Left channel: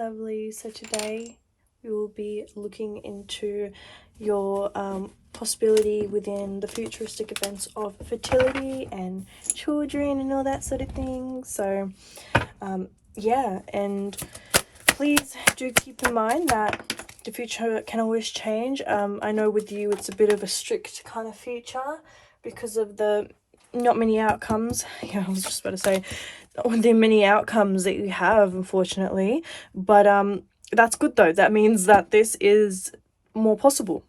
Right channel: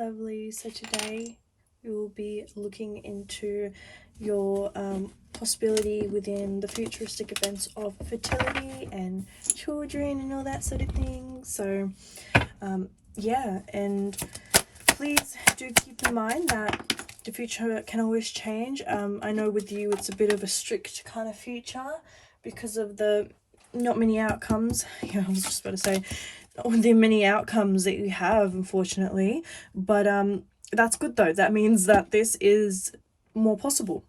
lovely. So today we will be looking into your possibility within the futuristic events of fertility and children and all that sort of thing. So yeah, and please do keep in mind that the future can always change. I know with you it's a bit of a strict kind of future because of the not many outcomes. Yeah, I was just about to say the many outcomes that you have, unfortunately, but that's good though. That means that this is more possible.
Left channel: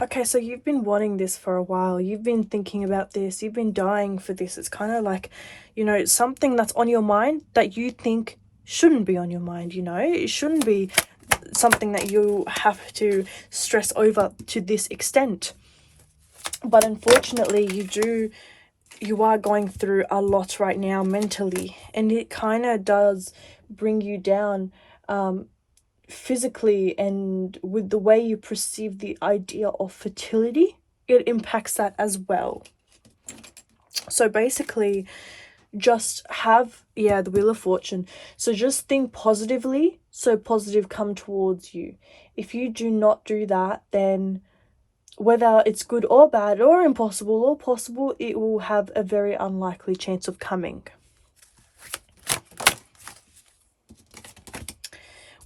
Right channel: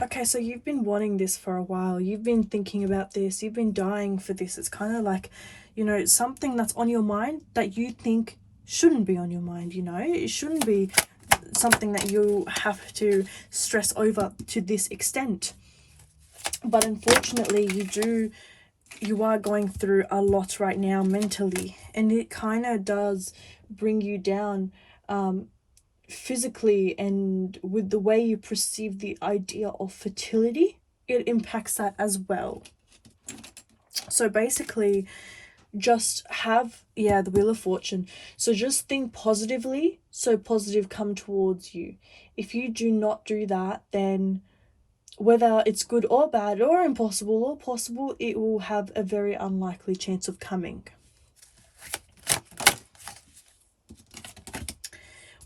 Okay, so you've been wanting this for a while. You've been thinking about this. You've been dying for this. It's kind of like, you know, something that's on your mind that you think shouldn't be on your mind, you know? It shouldn't be something that you have to stress over to this extent. But unfortunately, you are going through a lot right now mentally, and it kind of does bring you down physically, and with the way you perceive the idea of fertility, it impacts that as well. So basically, just have, yeah, the Wheel of Fortune. So just think positively, so positive come towards you. If you do not do that, then whether it's good or bad or impossible or possible, it will have a very unlikely chance of coming.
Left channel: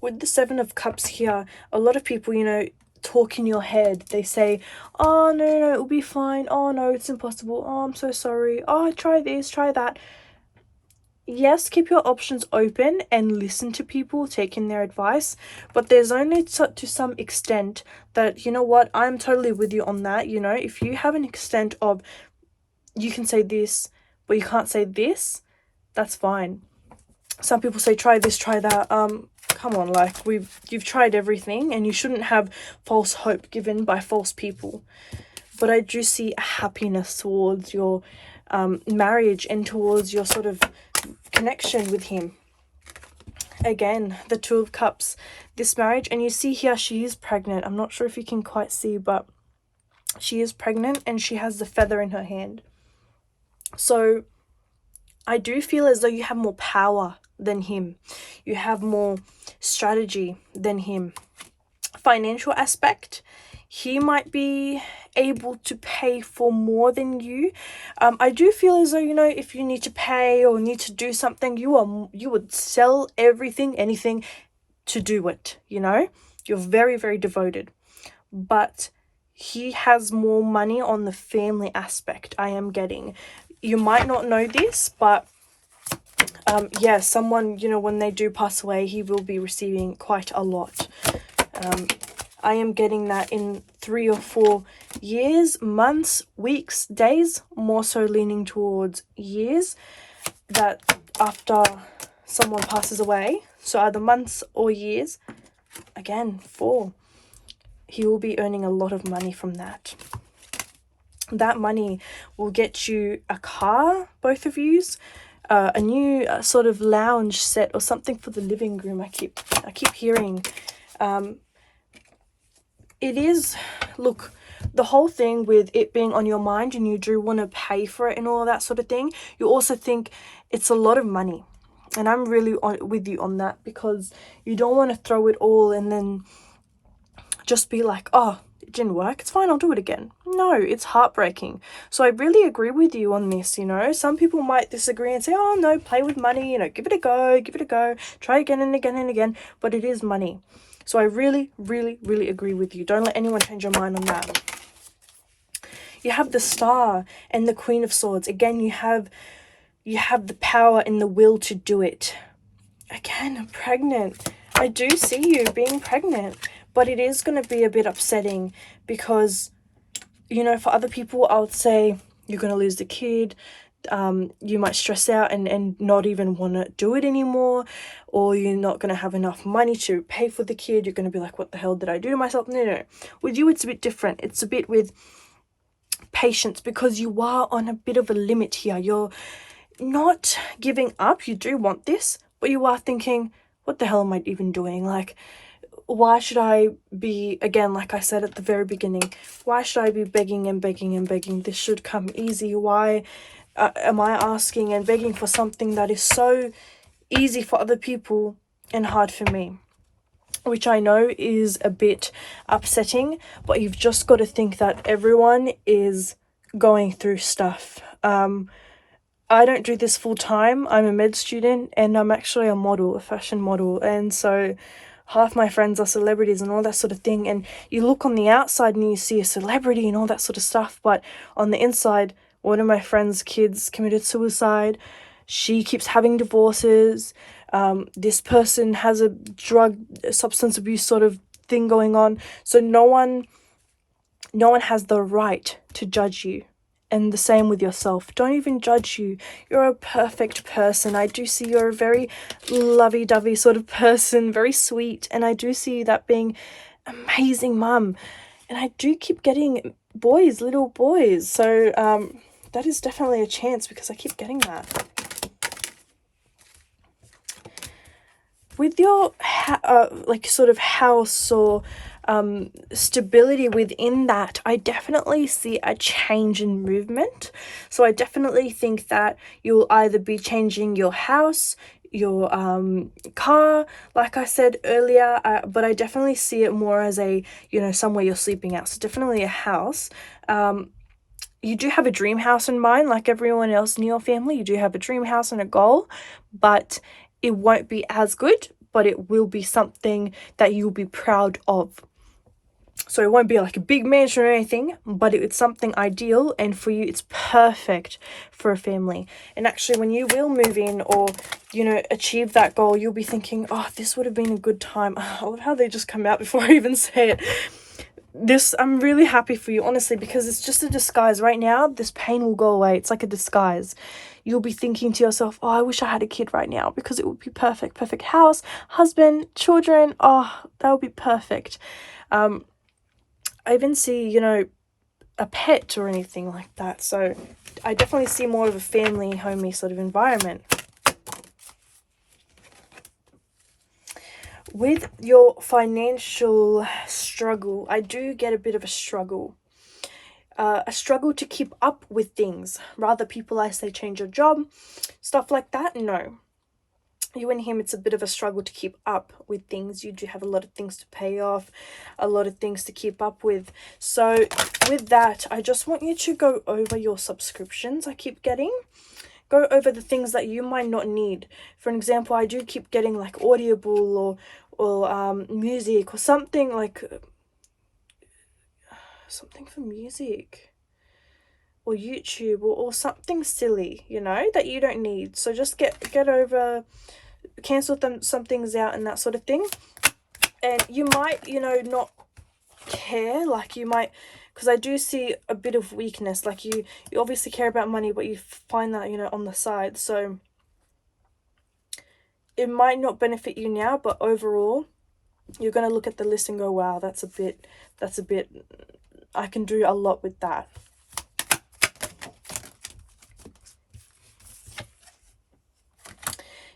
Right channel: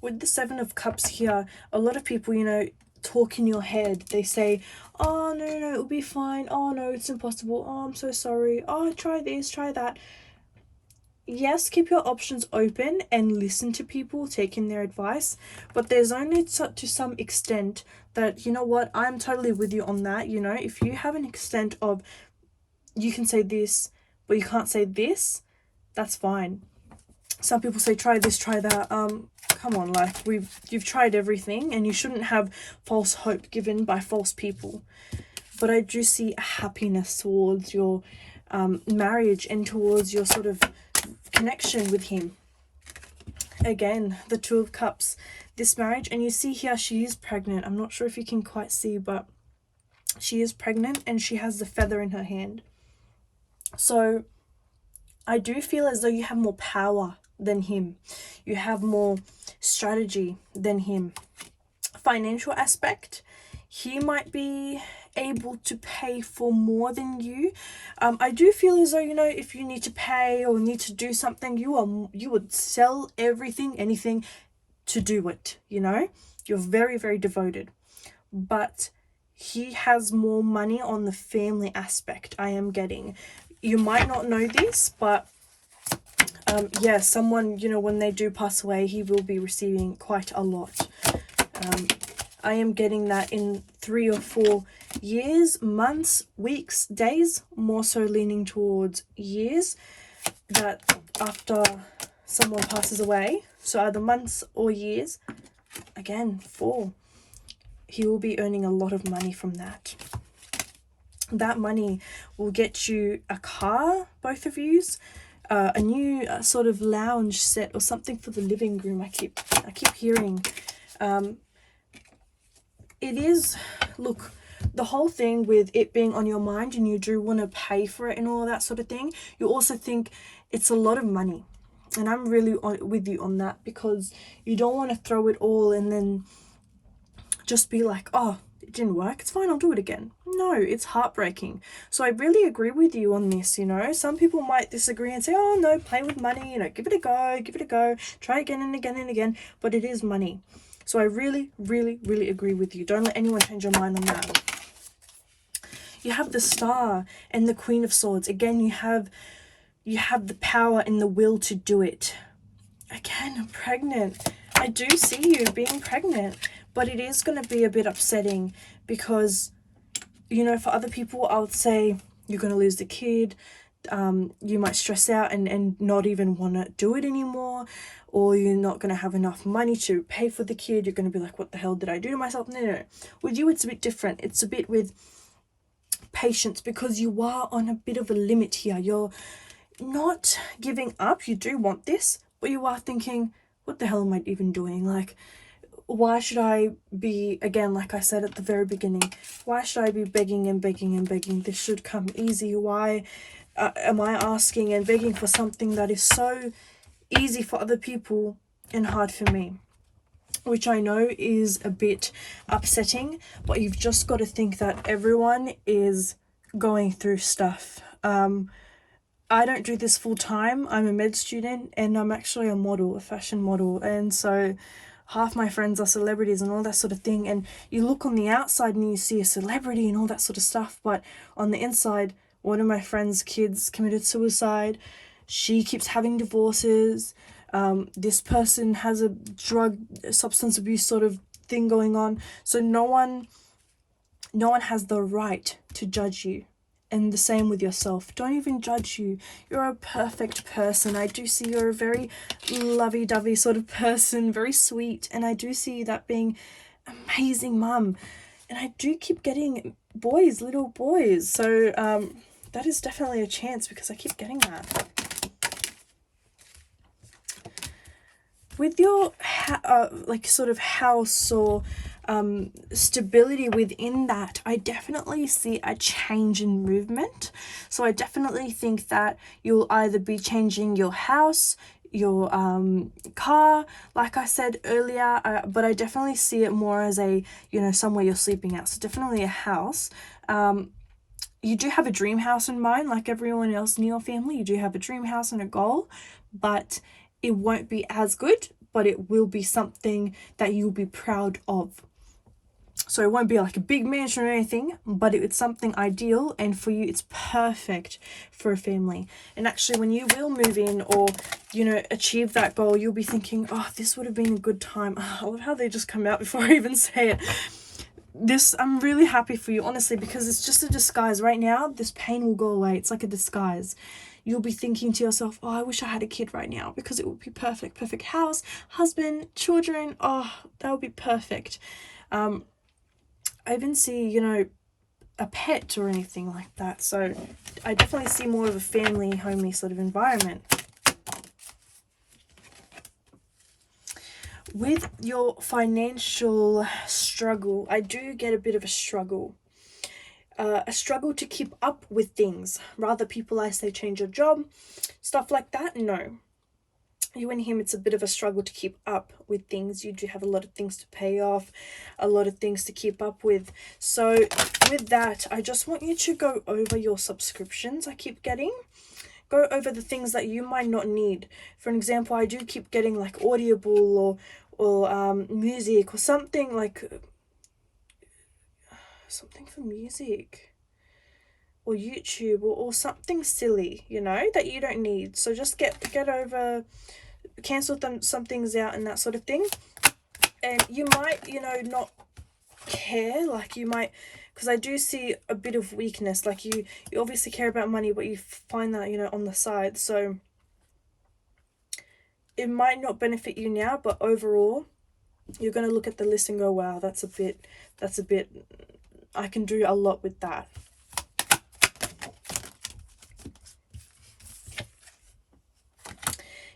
With the Seven of Cups here, a lot of people, you know, talk in your head. They say, oh, no, it'll be fine. Oh, no, it's impossible. Oh, I'm so sorry. Oh, try this, try that. Yes, keep your options open and listen to people taking their advice, but there's only to some extent that, you know what, I'm totally with you on that. You know, if you have an extent of you can say this but you can't say this, that's fine. Some people say try this, try that. Come on, like you've tried everything, and you shouldn't have false hope given by false people. But I do see a happiness towards your marriage and towards your sort of connection with him. Again, the Two of Cups, this marriage, and you see here she is pregnant. I'm not sure if you can quite see, but she is pregnant and she has the feather in her hand. So I do feel as though you have more power than him. You have more strategy than him. Financial aspect, he might be able to pay for more than you. I do feel as though, you know, if you need to pay or need to do something, you would sell everything, anything to do it, you know? You're very, very devoted. But he has more money on the family aspect, I am getting. You might not know this, but yeah, someone, you know, when they do pass away, he will be receiving quite a lot. I am getting that in 3 or 4 years, months, weeks, days, more so leaning towards years, that after someone passes away, so either months or years, again, 4, he will be earning a lot of money from that. That money will get you a car, both of yous, a new sort of lounge set or something for the living room. I keep hearing. It is, look, the whole thing with it being on your mind and you do want to pay for it and all that sort of thing, you also think it's a lot of money. And I'm really with you on that, because you don't want to throw it all and then just be like, oh, it didn't work, it's fine, I'll do it again. No, it's heartbreaking. So I really agree with you on this, you know. Some people might disagree and say, oh no, play with money, you know, give it a go, try again and again and again, but it is money. So I really, really, really agree with you. Don't let anyone change your mind on that. You have the Star and the Queen of Swords. Again, you have the power and the will to do it. Again, pregnant. I do see you being pregnant, but it is going to be a bit upsetting because, you know, for other people, I would say you're going to lose the kid. You might stress out and not even want to do it anymore, or you're not going to have enough money to pay for the kid. You're going to be like, what the hell did I do to myself? No. With you, it's a bit different. It's a bit with patience, because you are on a bit of a limit here. You're not giving up. You do want this, but you are thinking, what the hell am I even doing? Like, why should I be, again, like I said at the very beginning, why should I be begging and begging and begging? This should come easy. Why am I asking and begging for something that is so easy for other people and hard for me? Which I know is a bit upsetting, but you've just got to think that everyone is going through stuff. I don't do this full time. I'm a med student and I'm actually a model, a fashion model. And so half my friends are celebrities and all that sort of thing. And you look on the outside and you see a celebrity and all that sort of stuff. But on the inside, one of my friend's kids committed suicide. She keeps having divorces. This person has a substance abuse sort of thing going on. So no one has the right to judge you. And the same with yourself. Don't even judge you. You're a perfect person. I do see you're a very lovey-dovey sort of person, very sweet. And I do see that being amazing mum. And I do keep getting boys, little boys. So that is definitely a chance because I keep getting that. With your like sort of house or stability within that, I definitely see a change in movement. So I definitely think that you'll either be changing your house, your car, like I said earlier, but I definitely see it more as a, you know, somewhere you're sleeping at. So definitely a house. You do have a dream house in mind, like everyone else in your family. You do have a dream house and a goal, but it won't be as good, but it will be something that you'll be proud of. So it won't be like a big mansion or anything, but it's something ideal, and for you it's perfect for a family. And actually when you will move in or, you know, achieve that goal, you'll be thinking, oh, this would have been a good time. I love how they just come out before I even say it. I'm really happy for you, honestly, because it's just a disguise. Right now, this pain will go away. It's like a disguise. You'll be thinking to yourself, oh, I wish I had a kid right now because it would be perfect. Perfect house, husband, children. Oh, that would be perfect. I even see, you know, a pet or anything like that. So I definitely see more of a family, homey sort of environment. With your financial struggle, I do get a bit of a struggle to keep up with things. Rather, people, I say, change your job, stuff like that. No, you and him, it's a bit of a struggle to keep up with things. You do have a lot of things to pay off, a lot of things to keep up with. So with that, I just want you to go over your subscriptions I keep getting. Go over the things that you might not need. For an example, I do keep getting like Audible or music or something like something for music or YouTube or something silly, you know, that you don't need. So just get over, cancel some things out and that sort of thing. And you might, you know, not care, like you might, because I do see a bit of weakness, like you obviously care about money, but you find that, you know, on the side. So it might not benefit you now, but overall you're going to look at the list and go, wow, that's a bit, I can do a lot with that.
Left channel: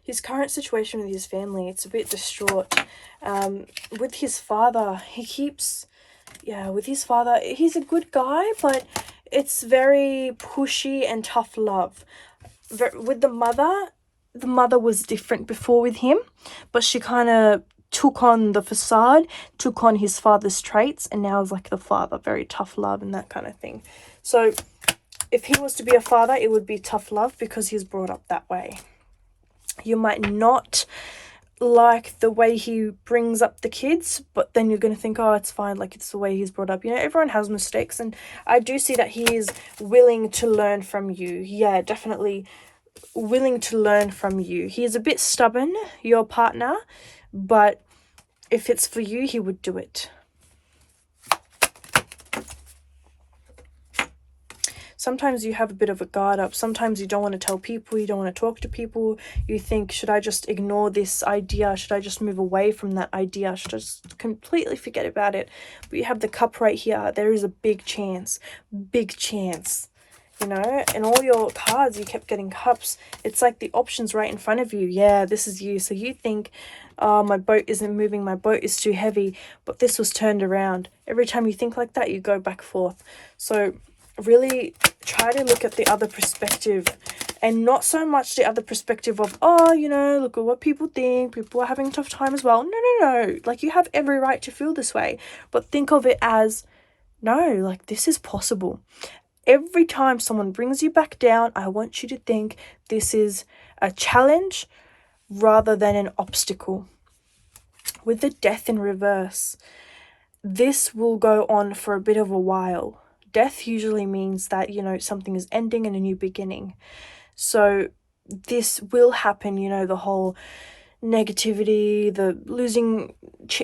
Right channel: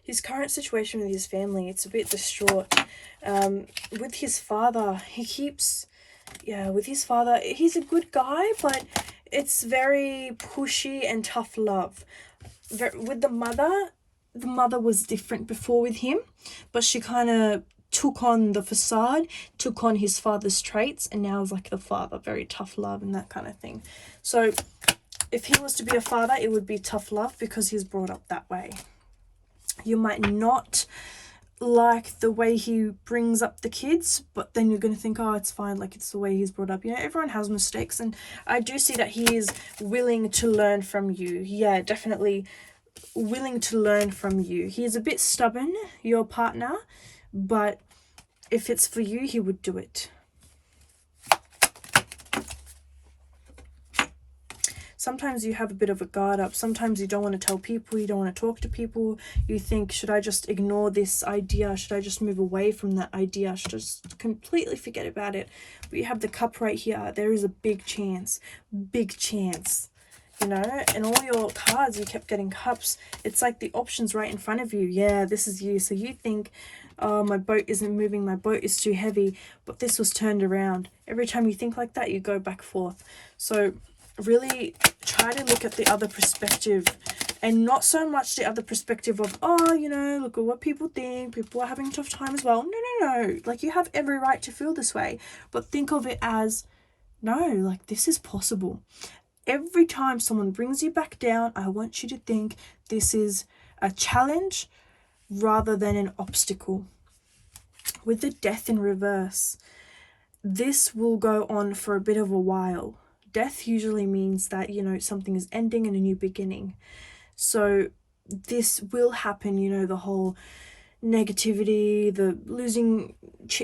His current situation with his family, it's a bit distraught. With his father, with his father, he's a good guy, but it's very pushy and tough love. With the mother was different before with him, but she kind of took on the facade, took on his father's traits, and now is like the father, very tough love and that kind of thing. So if he was to be a father, it would be tough love because he's brought up that way. You might not like the way he brings up the kids, but then you're going to think, oh, it's fine, like it's the way he's brought up. You know, everyone has mistakes, and I do see that he is willing to learn from you. Yeah, definitely willing to learn from you. He's a bit stubborn, your partner, but if it's for you, he would do it. Sometimes you have a bit of a guard up. Sometimes you don't want to tell people. You don't want to talk to people. You think, should I just ignore this idea? Should I just move away from that idea? Should I just completely forget about it? But you have the cup right here. There is a big chance. Big chance. You know, and all your cards, you kept getting cups. It's like the options right in front of you. Yeah, this is you. So you think, oh, my boat isn't moving. My boat is too heavy. But this was turned around. Every time you think like that, you go back forth. So really try to look at the other perspective, and not so much the other perspective of, oh, you know, look at what people think, people are having a tough time as well. No. Like, you have every right to feel this way, but think of it as, no, like, this is possible. Every time someone brings you back down, I want you to think this is a challenge rather than an obstacle. With the Death in reverse, this will go on for a bit of a while. Death usually means that, you know, something is ending and a new beginning. So this will happen, you know, the whole negativity, the losing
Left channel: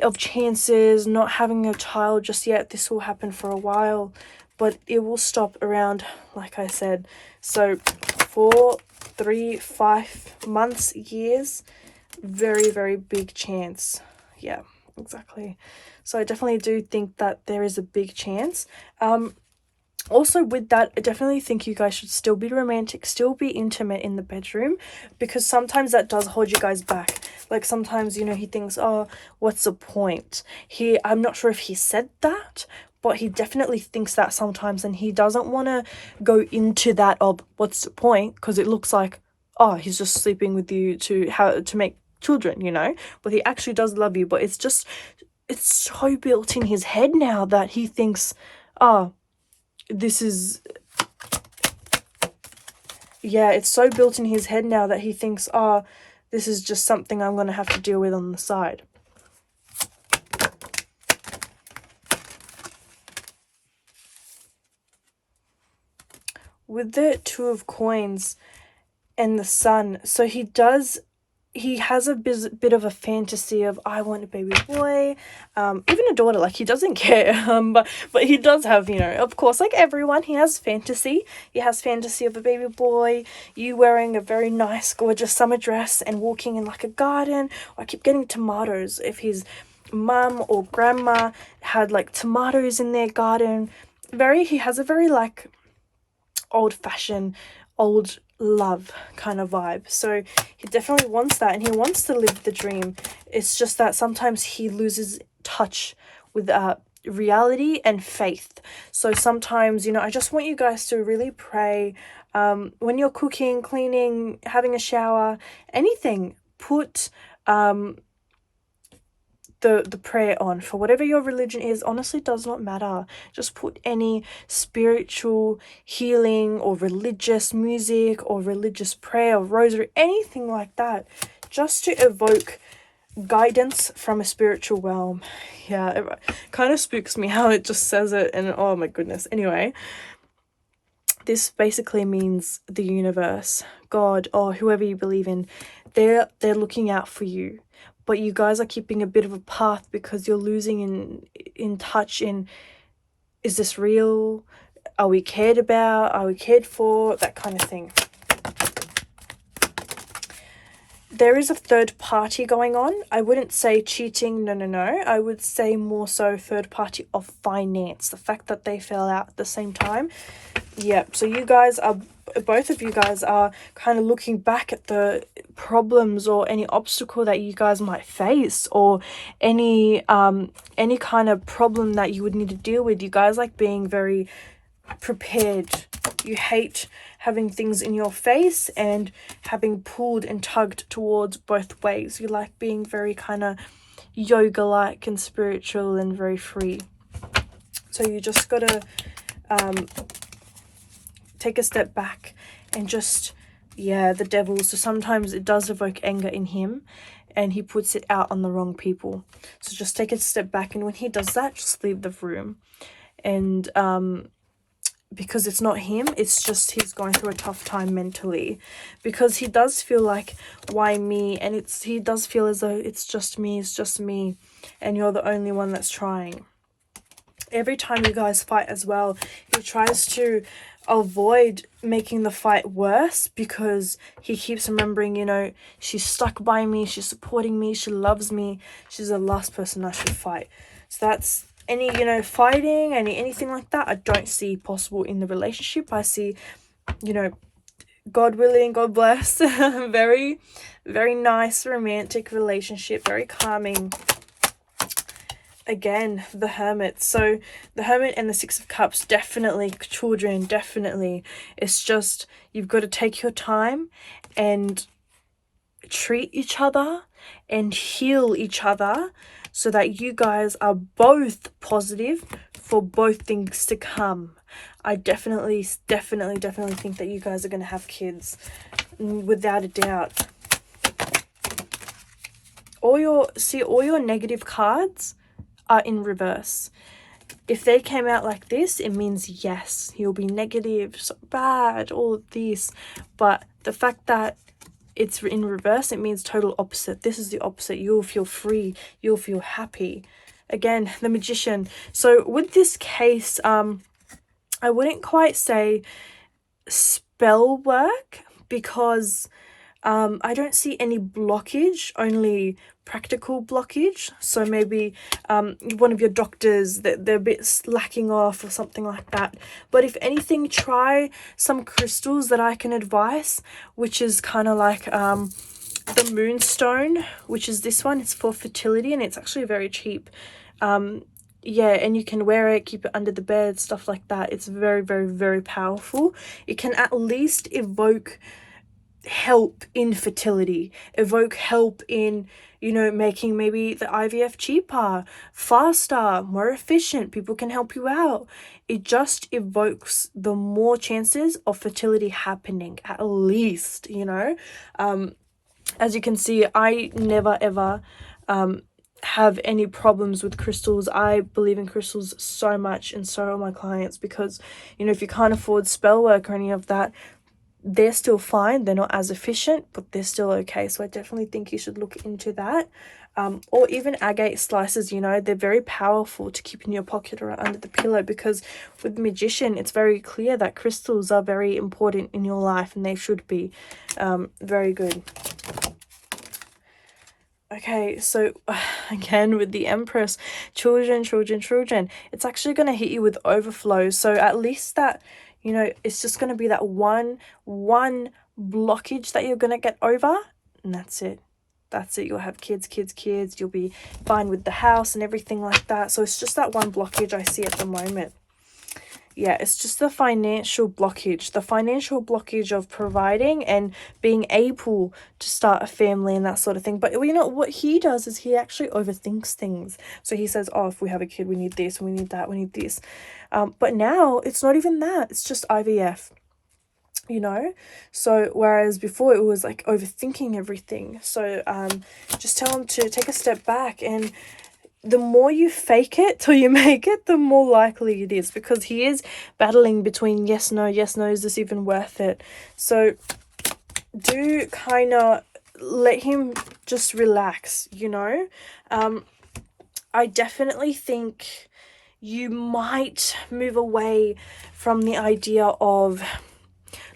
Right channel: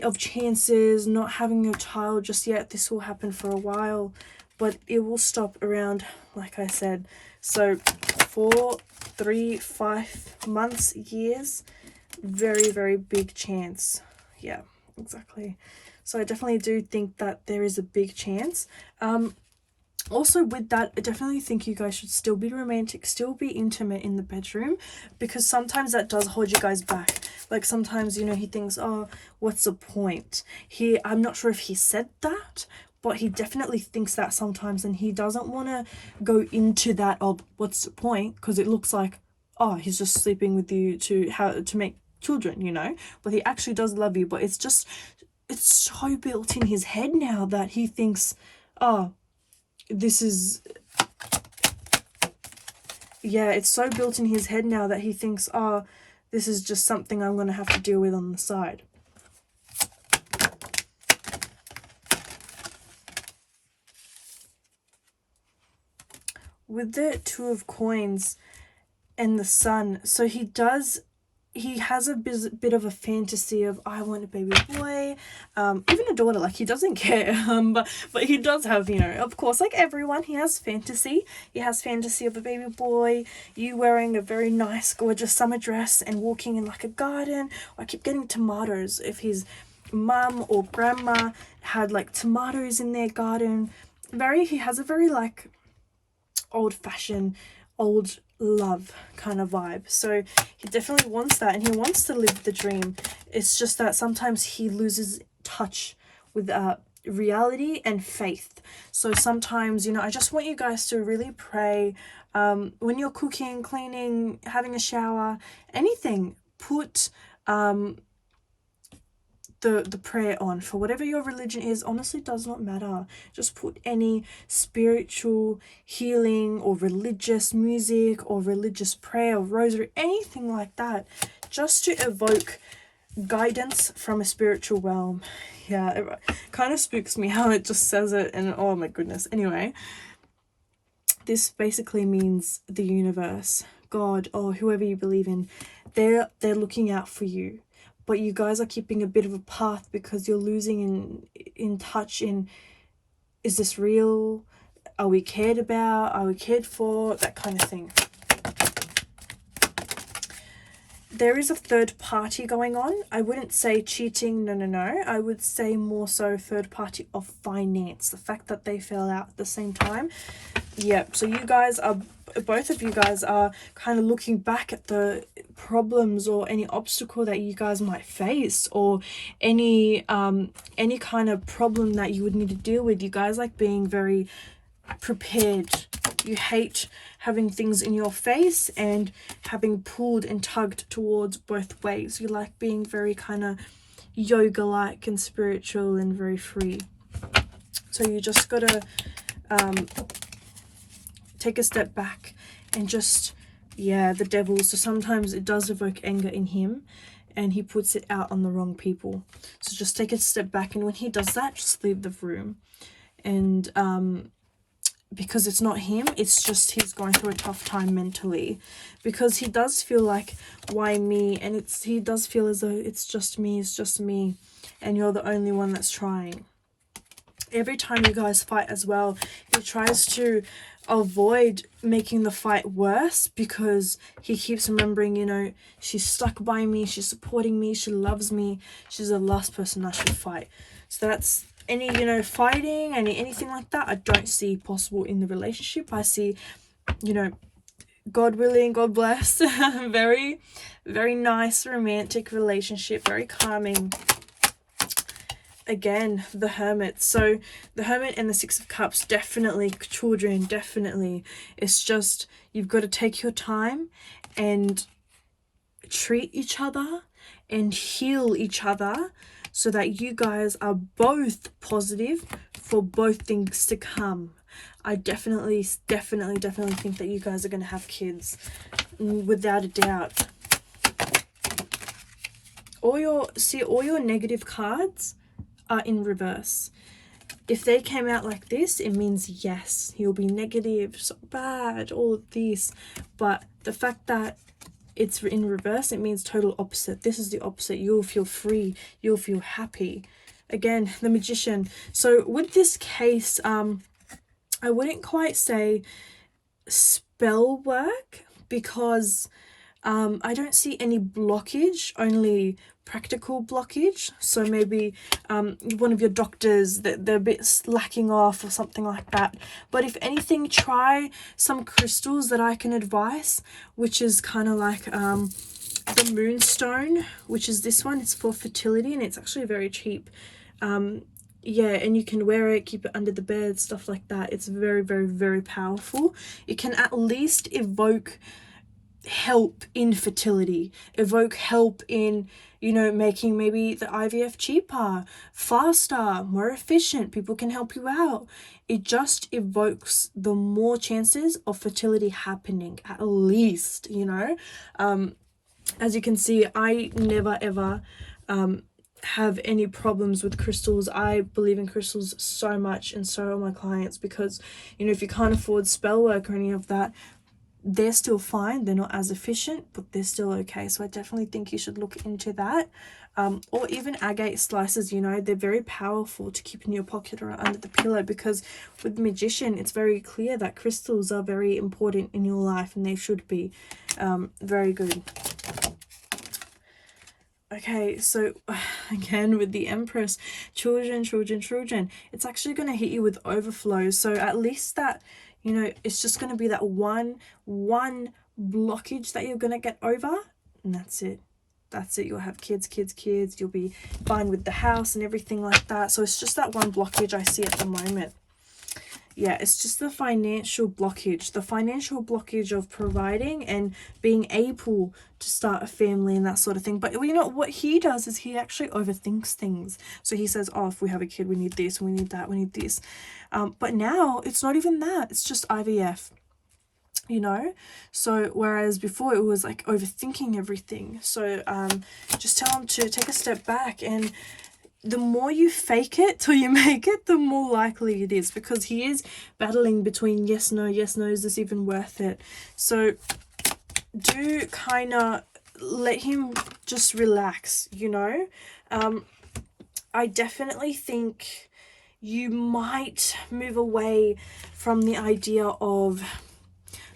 of chances, not having a child just yet. This will happen for a while, but it will stop around, like I said, so 4, 3, 5 months, years, very, very big chance. Yeah, exactly. So I definitely do think that there is a big chance. Also, with that, I definitely think you guys should still be romantic, still be intimate in the bedroom, because sometimes that does hold you guys back. Like, sometimes, you know, he thinks, oh, what's the point? I'm not sure if he said that, but he definitely thinks that sometimes, and he doesn't want to go into that of what's the point, because it looks like, oh, he's just sleeping with you to make children, you know. But he actually does love you, but it's so built in his head now that he thinks, oh, this is, yeah, it's so built in his head now that he thinks, oh, this is just something I'm going to have to deal with on the side. With the Two of Coins and the Sun, so he has a bit of a fantasy of, I want a baby boy, even a daughter. Like, he doesn't care, but he does have, you know, of course, like everyone, he has fantasy. He has fantasy of a baby boy, you wearing a very nice, gorgeous summer dress and walking in like a garden. I keep getting tomatoes. If his mum or grandma had like tomatoes in their garden, he has a very like old-fashioned, old love kind of vibe. So he definitely wants that, and he wants to live the dream. It's just that sometimes he loses touch with reality and faith. So sometimes, you know, I just want you guys to really pray when you're cooking, cleaning, having a shower, anything, put the prayer on. For whatever your religion is, honestly does not matter. Just put any spiritual healing or religious music or religious prayer or rosary, anything like that, just to evoke guidance from a spiritual realm. Yeah, it kind of spooks me how it just says it, and oh my goodness. Anyway, this basically means the universe, God, or whoever you believe in, they're looking out for you. But you guys are keeping a bit of a path because you're losing in touch in, is this real? Are we cared about? Are we cared for? That kind of thing. There is a third party going on. I wouldn't say cheating, no. I would say more so third party of finance. The fact that they fell out at the same time. Yeah, so both of you guys are kind of looking back at the problems or any obstacle that you guys might face, or any kind of problem that you would need to deal with. You guys like being very prepared. You hate having things in your face and having pulled and tugged towards both ways. You like being very kind of yoga-like and spiritual and very free. So you just gotta take a step back and just, yeah, the devil. So sometimes it does evoke anger in him and he puts it out on the wrong people. So just take a step back, and when he does that, just leave the room. And because it's not him, it's just he's going through a tough time mentally, because he does feel like, why me? And he does feel as though it's just me, and you're the only one that's trying. Every time you guys fight as well, he tries to avoid making the fight worse, because he keeps remembering, you know, she's stuck by me, she's supporting me, she loves me, she's the last person I should fight. So that's any, you know, fighting, anything like that, I don't see possible in the relationship. I see, you know, God willing, God bless, very, very nice romantic relationship, very calming. again, the Hermit. So the Hermit and the Six of Cups, definitely, children, definitely. It's just, you've got to take your time and treat each other and heal each other so that you guys are both positive for both things to come. I definitely think that you guys are going to have kids, without a doubt. All your negative cards are in reverse. If they came out like this, it means yes, you'll be negative, so bad, all of this. But the fact that it's in reverse, it means total opposite. This is the opposite. You'll feel free, you'll feel happy. Again, the Magician. So with this case, I wouldn't quite say spell work, because I don't see any blockage, only practical blockage. So maybe one of your doctors, that they're a bit lacking off or something like that. But if anything, try some crystals that I can advise, which is kind of like the Moonstone, which is this one. It's for fertility, and it's actually very cheap. Yeah, and you can wear it, keep it under the bed, stuff like that. It's very, very, very powerful. It can at least evoke help in fertility, evoke help in, you know, making maybe the IVF cheaper, faster, more efficient. People can help you out. It just evokes the more chances of fertility happening, at least, you know. As you can see, I never ever have any problems with crystals. I believe in crystals so much, and so are my clients, because, you know, if you can't afford spell work or any of that, they're still fine. They're not as efficient, but they're still okay. So I definitely think you should look into that. Or even agate slices, you know, they're very powerful to keep in your pocket or under the pillow, because with Magician, it's very clear that crystals are very important in your life, and they should be. Very good. Okay, so again with the Empress, children, it's actually going to hit you with overflow. So at least that, you know, it's just going to be that one blockage that you're going to get over, and that's it. You'll have kids, you'll be fine with the house and everything like that. So it's just that one blockage I see at the moment. Yeah, it's just the financial blockage of providing and being able to start a family and that sort of thing. But you know what he does is he actually overthinks things. So he says, oh, if we have a kid, we need this, we need that, we need this. But now it's not even that, it's just IVF, you know. So whereas before it was like overthinking everything. So just tell him to take a step back, and the more you fake it till you make it, the more likely it is, because he is battling between yes, no, is this even worth it? So do kind of let him just relax, you know. I definitely think you might move away from the idea of,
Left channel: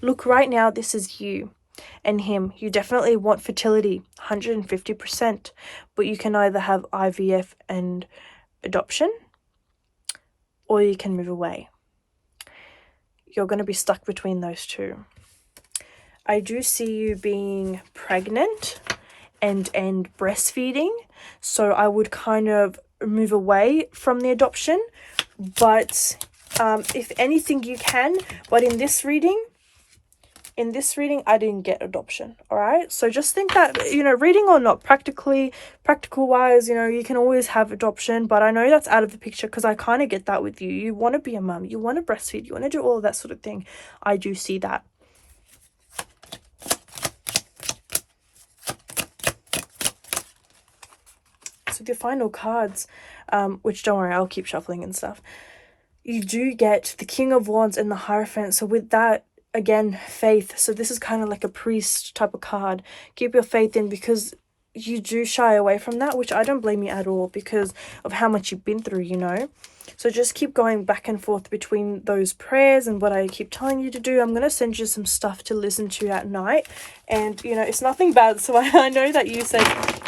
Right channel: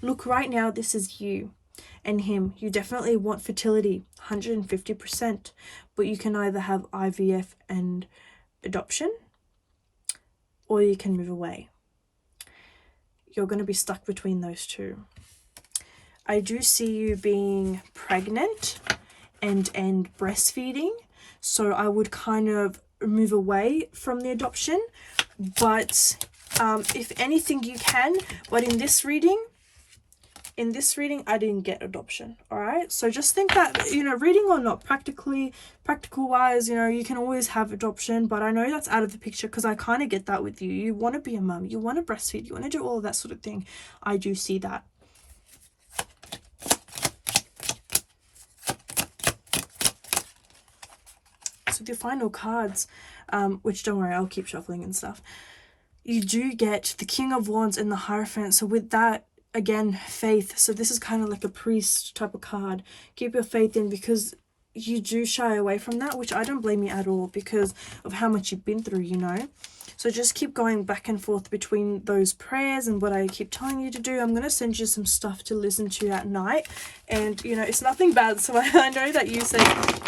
look, right now this is you and him. You definitely want fertility, 150%, but you can either have IVF and adoption, or you can move away. You're going to be stuck between those two. I do see you being pregnant and breastfeeding, so I would kind of move away from the adoption, but if anything you can. But in this reading I didn't get adoption. All right, so just think that, you know, reading or not, practical wise, you know, you can always have adoption, but I know that's out of the picture, because I kind of get that with you. You want to be a mum, you want to breastfeed, you want to do all of that sort of thing. I do see that. So the final cards, which don't worry, I'll keep shuffling and stuff, you do get the King of Wands and the Hierophant. So with that, again, faith. So this is kind of like a priest type of card. Keep your faith in, because you do shy away from that, which I don't blame you at all, because of how much you've been through, you know. So just keep going back and forth between those prayers and what I keep telling you to do. I'm going to send you some stuff to listen to at night, and you know, it's nothing bad. So I know that you say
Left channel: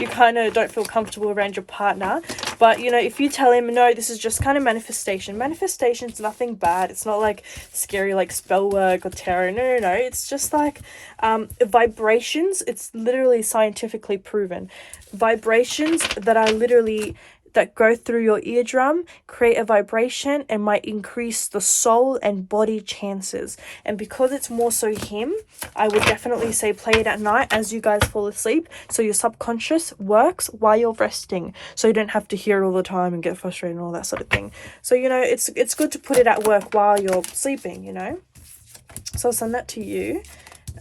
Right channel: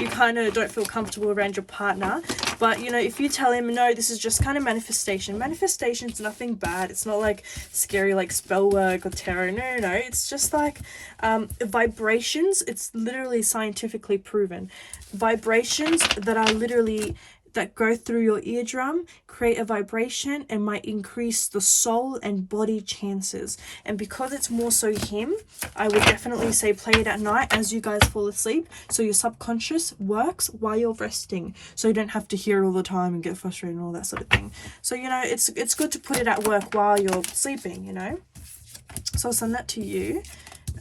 you kind of don't feel comfortable around your partner, but you know, if you tell him, no, this is just kind of manifestation's nothing bad. It's not like scary like spell work or tarot. No, it's just like vibrations. It's literally scientifically proven vibrations that are literally that go through your eardrum create a vibration and might increase the soul and body chances. And because it's more so him, I would definitely say play it at night as you guys fall asleep, so your subconscious works while you're resting, so you don't have to hear it all the time and get frustrated and all that sort of thing. So, you know, it's good to put it at work while you're sleeping, you know. So I'll send that to you.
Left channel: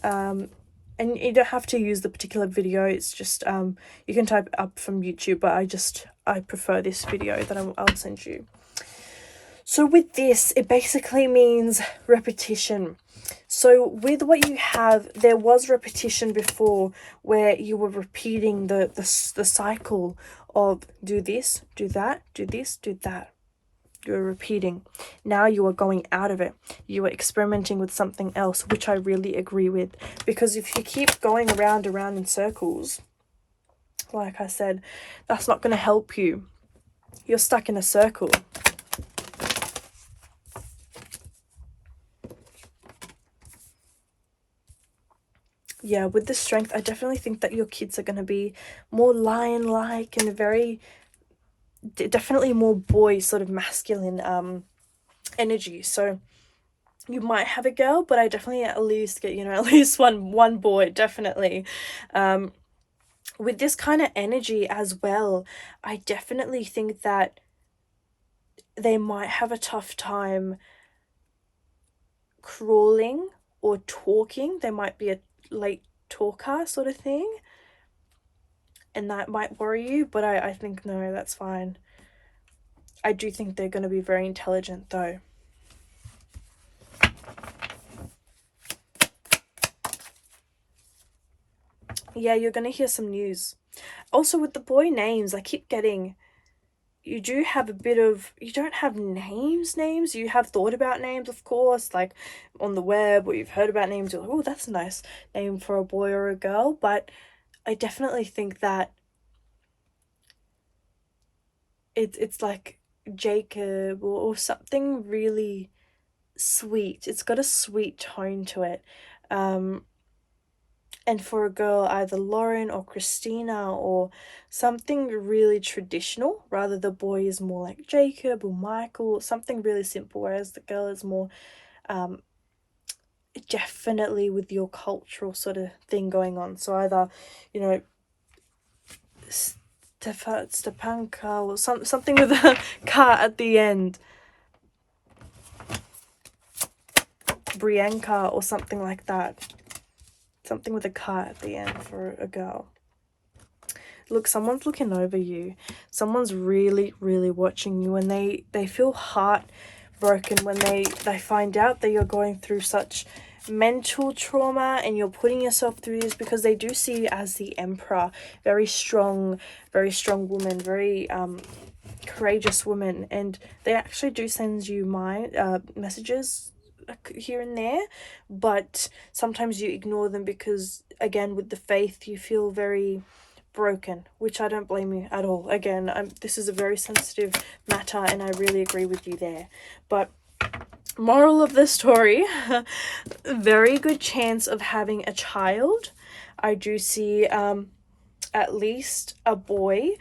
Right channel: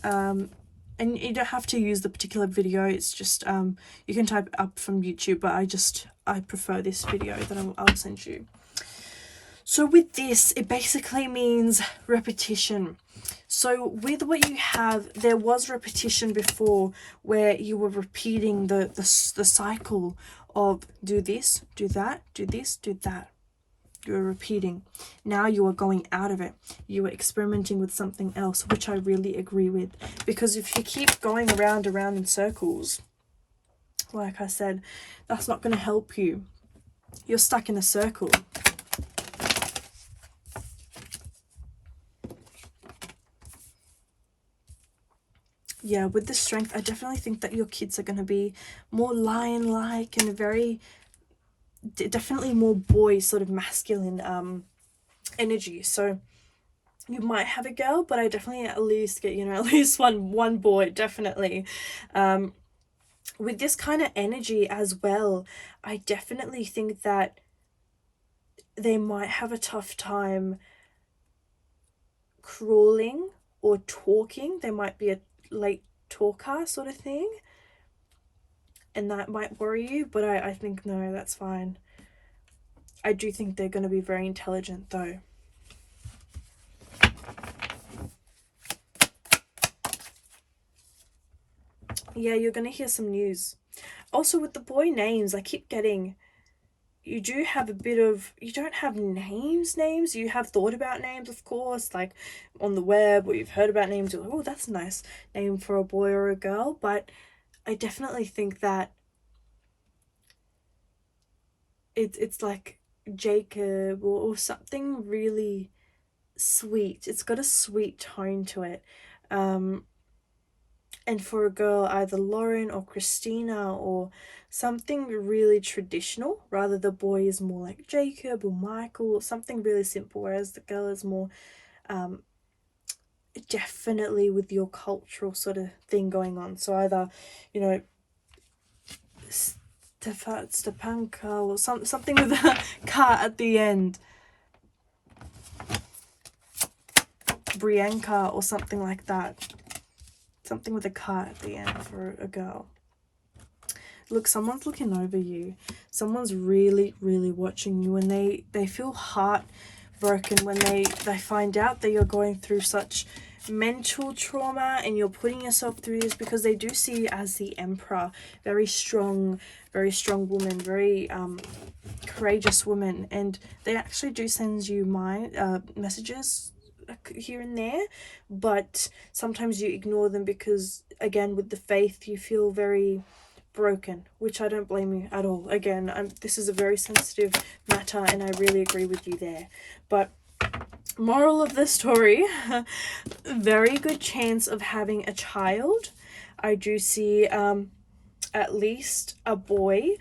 And you don't have to use the particular video, it's just you can type it up from YouTube, but I prefer this video that I'll send you. So with this, it basically means repetition. So with what you have, there was repetition before where you were repeating the cycle of do this, do that, do this, do that. You're repeating. Now you are going out of it. You are experimenting with something else, which I really agree with. Because if you keep going around in circles, like I said, that's not going to help you. You're stuck in a circle. Yeah, with the strength, I definitely think that your kids are going to be more lion-like and very, definitely more boy, sort of masculine energy. So you might have a girl, but I definitely at least get, you know, at least one boy, definitely. With this kind of energy as well, I definitely think that they might have a tough time crawling or talking. They might be a late talker sort of thing, and that might worry you, but I think no, that's fine. I do think they're going to be very intelligent though. Yeah, you're going to hear some news. Also with the boy names, I keep getting, you do have a bit of, you don't have names, you have thought about names, of course, like on the web, or you've heard about names, you're like, oh, that's a nice name for a boy or a girl. But I definitely think that it's like Jacob or something really sweet. It's got a sweet tone to it. And for a girl, either Lauren or Christina or something really traditional, rather the boy is more like Jacob or Michael, something really simple, whereas the girl is more definitely with your cultural sort of thing going on. So either, you know, Stepanka or something with a car at the end, Brianka or something like that. Something with a car at the end for a girl. Look, someone's looking over you. Someone's really, really watching you, and they feel heartbroken when they find out that you're going through such mental trauma and you're putting yourself through this, because they do see you as the emperor, very strong woman, very courageous woman, and they actually do send you messages here and there, but sometimes you ignore them because, again, with the faith, you feel very broken, which I don't blame you at all. Again, this is a very sensitive matter and I really agree with you there. But moral of the story, very good chance of having a child. I do see at least a boy,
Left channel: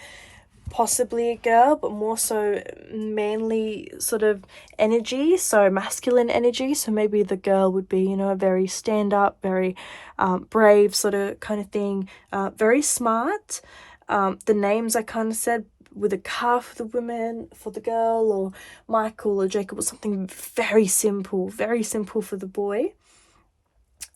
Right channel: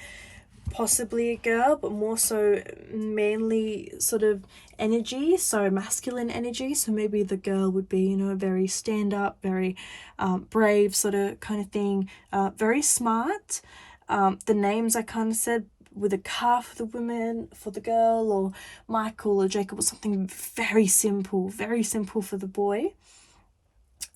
possibly a girl, but more so manly sort of energy, so masculine energy. So maybe the girl would be, you know, very stand up, very brave sort of kind of thing, very smart. The names I kind of said, with a car for the woman, for the girl, or Michael or Jacob, or something very simple for the boy.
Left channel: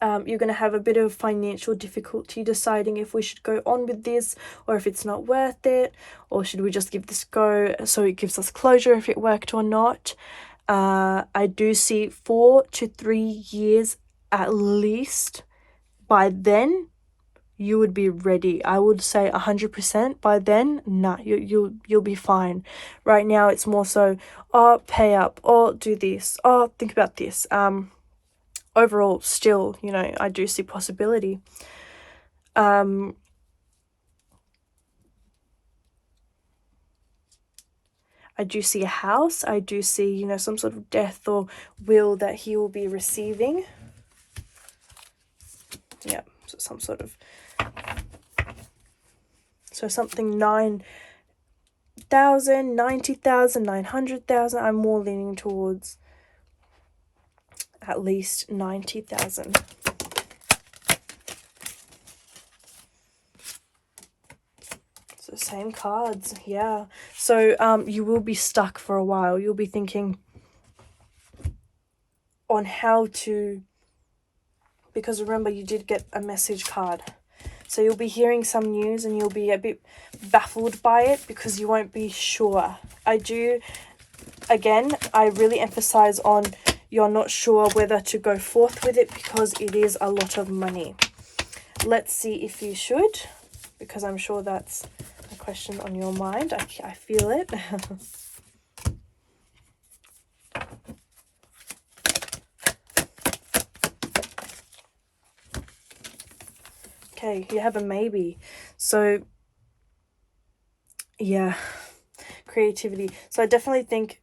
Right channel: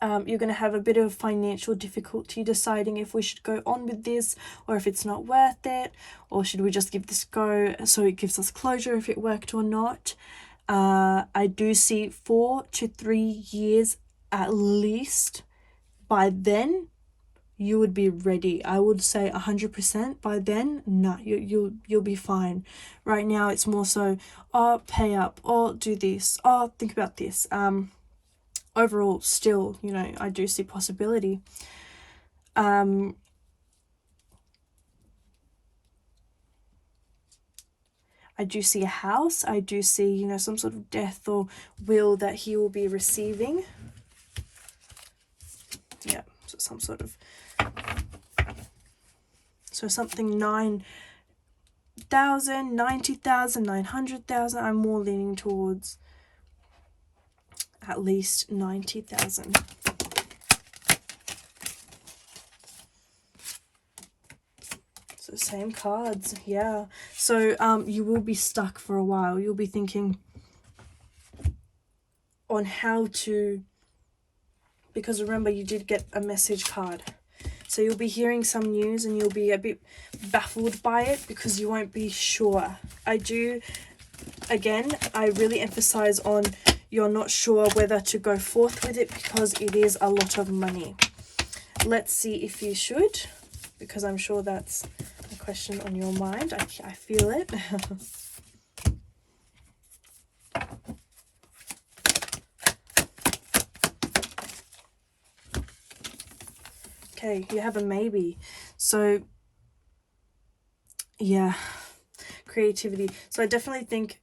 You're going to have a bit of financial difficulty deciding if we should go on with this or if it's not worth it, or should we just give this a go so it gives us closure if it worked or not. I do see 4 to 3 years at least. By then you would be ready. I would say 100% by then. Nah, you'll be fine. Right now it's more so, oh, pay up, or do this, oh, think about this. Overall, still, you know, I do see possibility. I do see a house. I do see, you know, some sort of death or will that he will be receiving. Yeah, so some sort of, so something 9, 100,000, 90,000, 900,000. I'm more leaning towards at least 90,000. So same cards, yeah. So you will be stuck for a while. You'll be thinking on how to, because remember you did get a message card. So you'll be hearing some news and you'll be a bit baffled by it because you won't be sure. I really emphasize on you're not sure whether to go forth with it because it is a lot of money. Let's see if you should, because I'm sure that's a question on your mind. I feel it. Okay, you have a maybe. So yeah, creativity. So I definitely think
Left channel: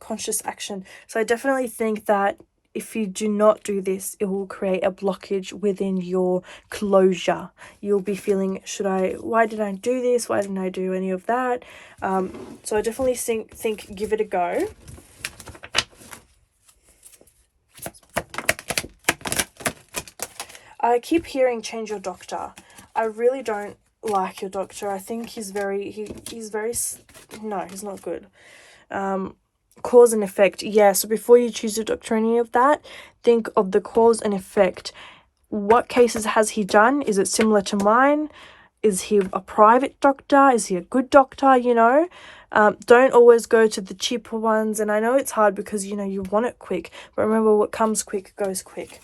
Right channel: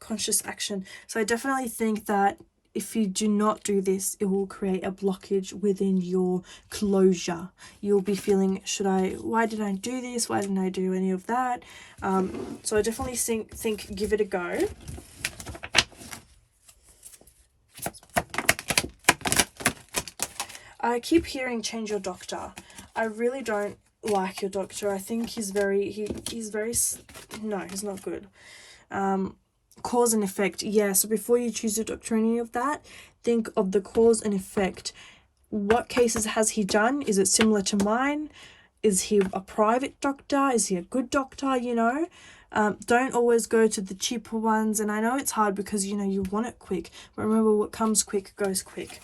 conscious action. So I definitely think that if you do not do this, it will create a blockage within your closure. You'll be feeling, why did I do this? Why didn't I do any of that? So I definitely think give it a go. I keep hearing change your doctor. I really don't like your doctor. I think he's no, he's not good. Cause and effect. Yeah, so before you choose a doctor or any of that, think of the cause and effect. What cases has he done? Is it similar to mine? Is he a private doctor? Is he a good doctor? You know, don't always go to the cheaper ones. And I know it's hard because, you know, you want it quick. But remember, what comes quick goes quick.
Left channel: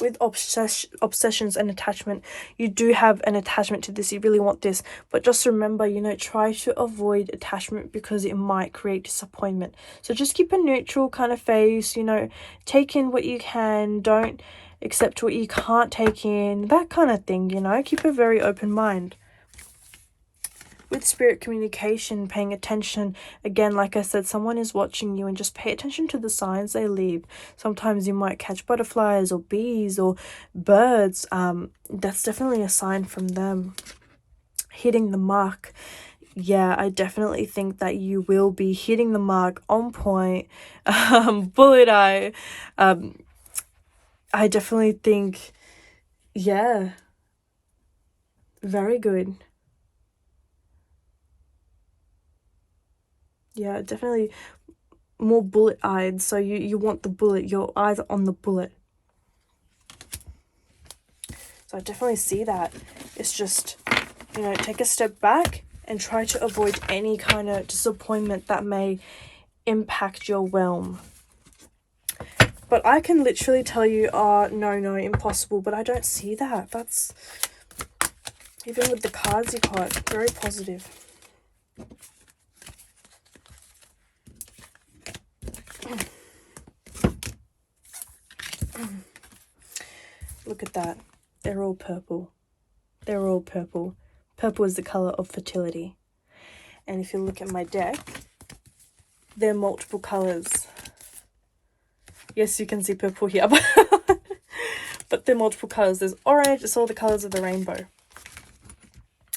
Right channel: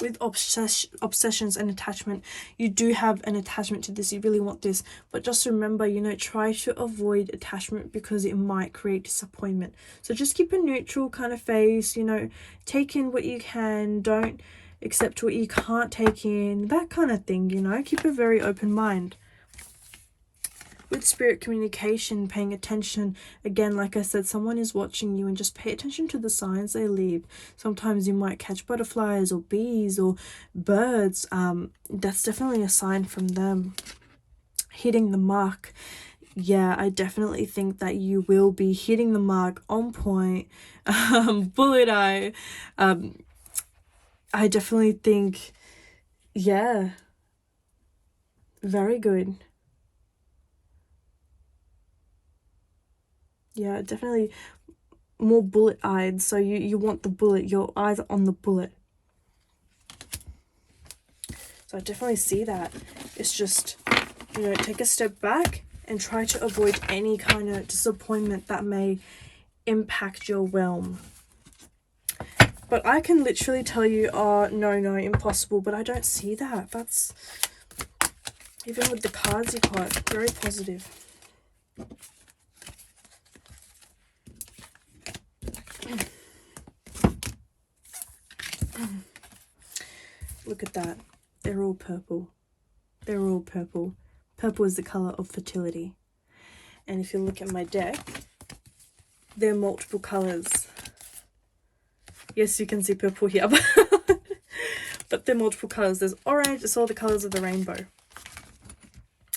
With obsessions and attachment, you do have an attachment to this. You really want this. But just remember, you know, try to avoid attachment because it might create disappointment. So just keep a neutral kind of face, you know, take in what you can. Don't accept what you can't take in. That kind of thing, you know. Keep a very open mind. With spirit communication, paying attention, again, like I said, someone is watching you, and just pay attention to the signs they leave. Sometimes you might catch butterflies or bees or birds. That's definitely a sign from them. Hitting the mark. Yeah, I definitely think that you will be hitting the mark on point. Bullet eye. I definitely think, yeah, very good. Yeah, definitely more bullet-eyed. So you want the bullet. Your eyes are on the bullet. So I definitely see that. It's just, you know, take a step back and try to avoid any kind of disappointment that may impact your realm. But I can literally tell you, no, impossible. But I don't see that. That's, even with the cards you got, very positive. Look at that. They're all purple. They're all purple. Purple is the color of fertility. And if you look at my deck, there are multiple colors. Yes, you can see purple here. But there are multiple colors. There's orange. It's all the colors of the rainbow.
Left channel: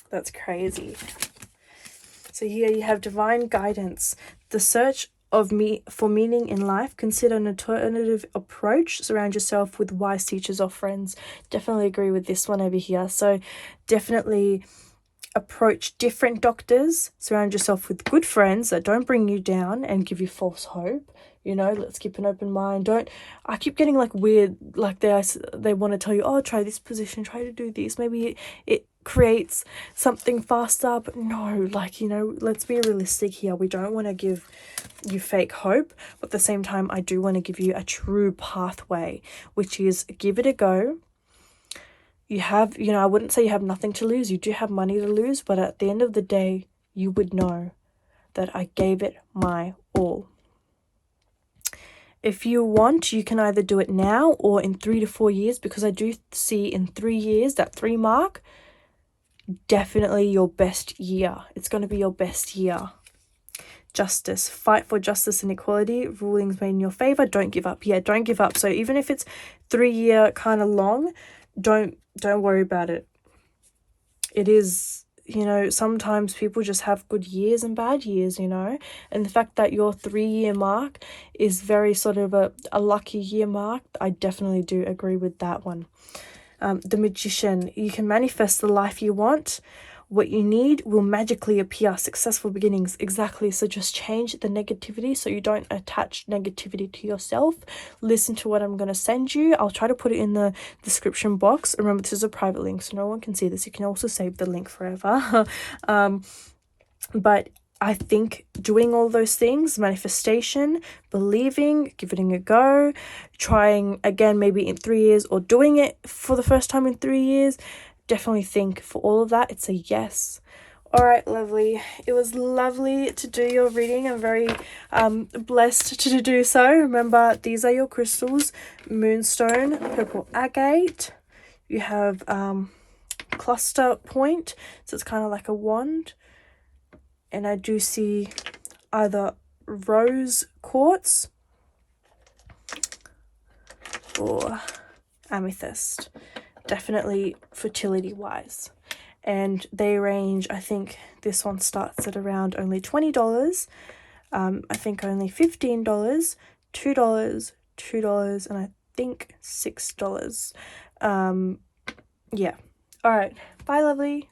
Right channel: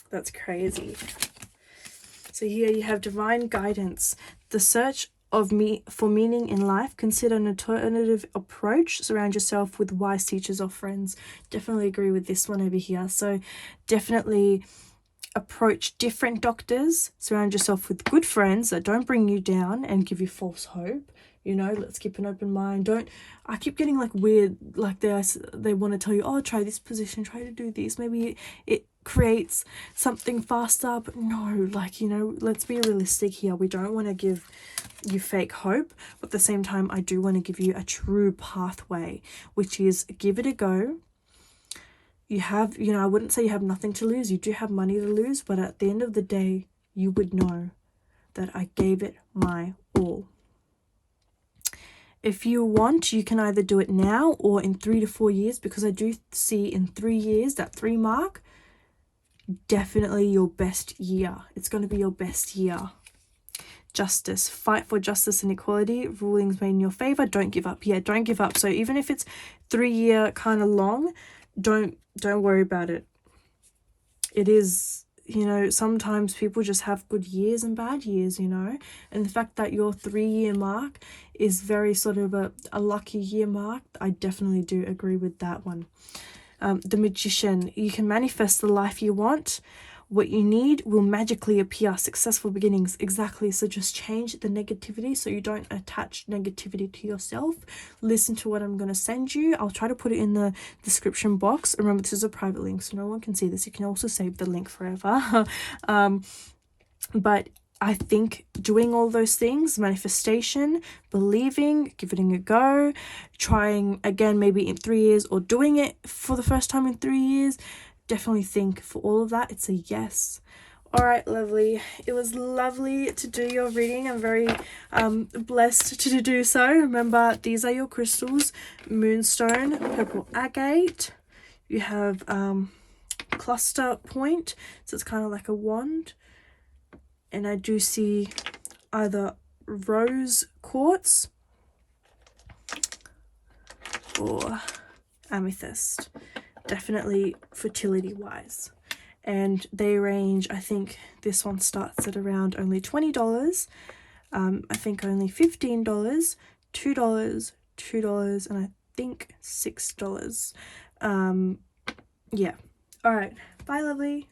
That's crazy. So here you have divine guidance. The search for meaning in life. Consider an alternative approach. Surround yourself with wise teachers or friends. Definitely agree with this one over here. So definitely approach different doctors. Surround yourself with good friends that don't bring you down and give you false hope. You know, let's keep an open mind. I keep getting like weird, like they want to tell you, oh, try this position, try to do this. Maybe it creates something faster, but no, like, you know, let's be realistic here. We don't want to give you fake hope, but at the same time, I do want to give you a true pathway, which is give it a go. You have, you know, I wouldn't say you have nothing to lose. You do have money to lose, but at the end of the day, you would know that I gave it my all. If you want, you can either do it now or in 3 to 4 years, because I do see in 3 years, that 3 mark, definitely your best year. It's going to be your best year. Justice. Fight for justice and equality. Rulings made in your favor. Don't give up. Yeah, don't give up. So even if it's 3 year kind of long, don't worry about it. It is you know, sometimes people just have good years and bad years, you know, and the fact that your 3-year mark is very sort of a lucky year mark, I definitely do agree with that one. The Magician, you can manifest the life you want. What you need will magically appear. Successful beginnings. Exactly. So just change the negativity so you don't attach negativity to yourself. Listen to what I'm going to send you. I'll try to put it in the description box. Remember, this is a private link, so no one can see this. You can also save the link forever. But I think doing all those things, manifestation, believing, giving it a go, trying again maybe in 3 years, or doing it for the first time in 3 years, definitely think for all of that, it's a yes. All right, lovely. It was lovely to do your reading. I'm very blessed to do so. Remember, these are your crystals: moonstone, purple agate. You have cluster point, so it's kind of like a wand. And I do see either rose quartz or amethyst. Definitely fertility wise. And they range, I think this one starts at around only $20. I think only $15, $2, $2, and I think $6. Yeah. All right. Bye, lovely.